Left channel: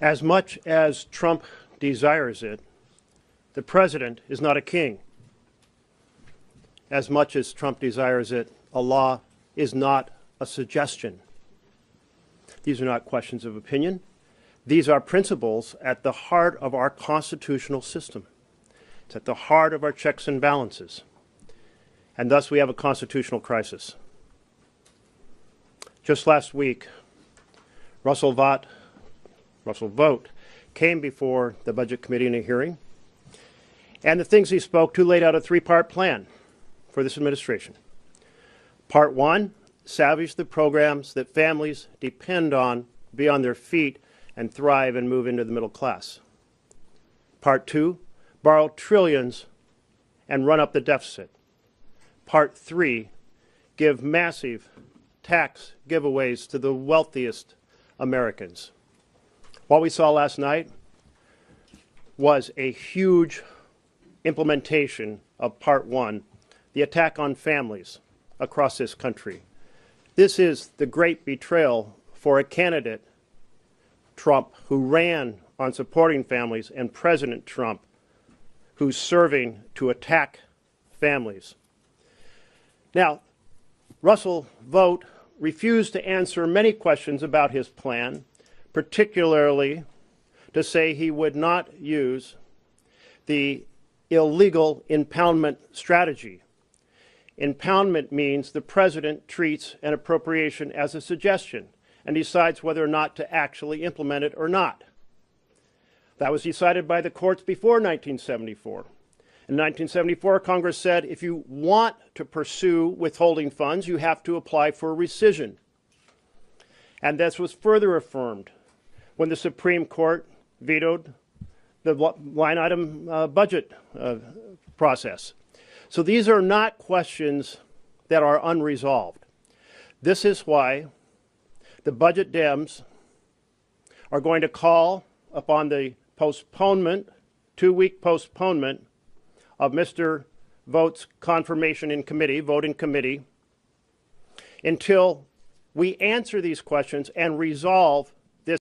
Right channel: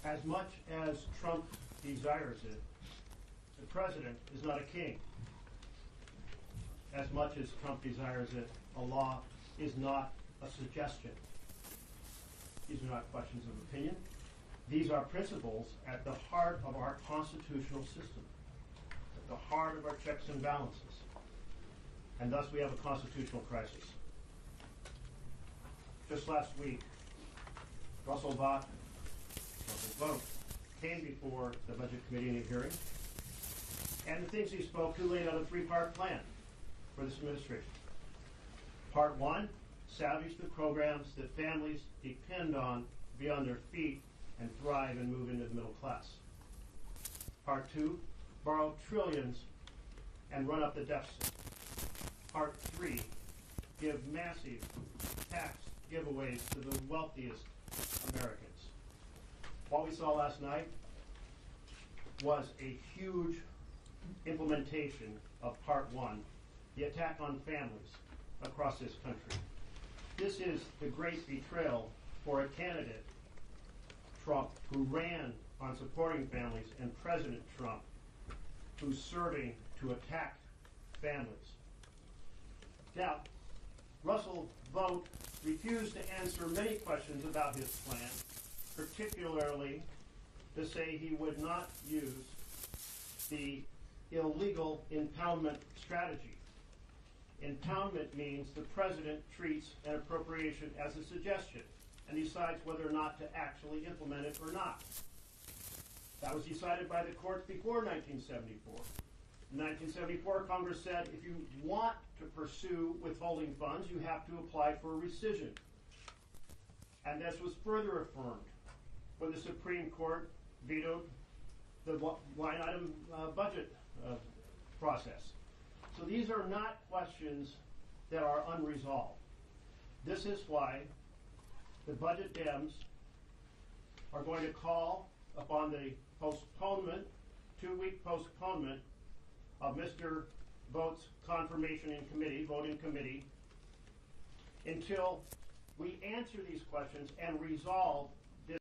As much as Trump desires it, the president is not a king. As much as Trump desires it, a law is not a suggestion. These are not questions of opinion. These are principles at the heart of our constitutional system. It's at the heart of our checks and balances. And thus we have a constitutional crisis. Just last week, Russell Vought came before the Budget Committee in a hearing, and the things he spoke to laid out a three-part plan for this administration. Part one, salvage the programs that families depend on, be on their feet, and thrive and move into the middle class. Part two, borrow trillions and run up the deficit. Part three, give massive tax giveaways to the wealthiest Americans. What we saw last night was a huge implementation of part one, the attack on families across this country. This is the great betrayal for a candidate, Trump, who ran on supporting families, and President Trump, who's serving to attack families. Now, Russell Vought refused to answer many questions about his plan, particularly to say he would not use the illegal impoundment strategy. Impoundment means the president treats an appropriation as a suggestion and decides whether or not to actually implement it or not. That was decided by the courts before 1974. In 1974, Congress said if you want to pursue withholding funds, you have to apply for rescission. And this was further affirmed when the Supreme Court vetoed the line item budget process. So these are not questions that are unresolved. This is why the budget Dems are going to call upon the postponement, 2-week postponement of Mr. Vought's confirmation in committee, vote in committee, until we answer these questions and resolve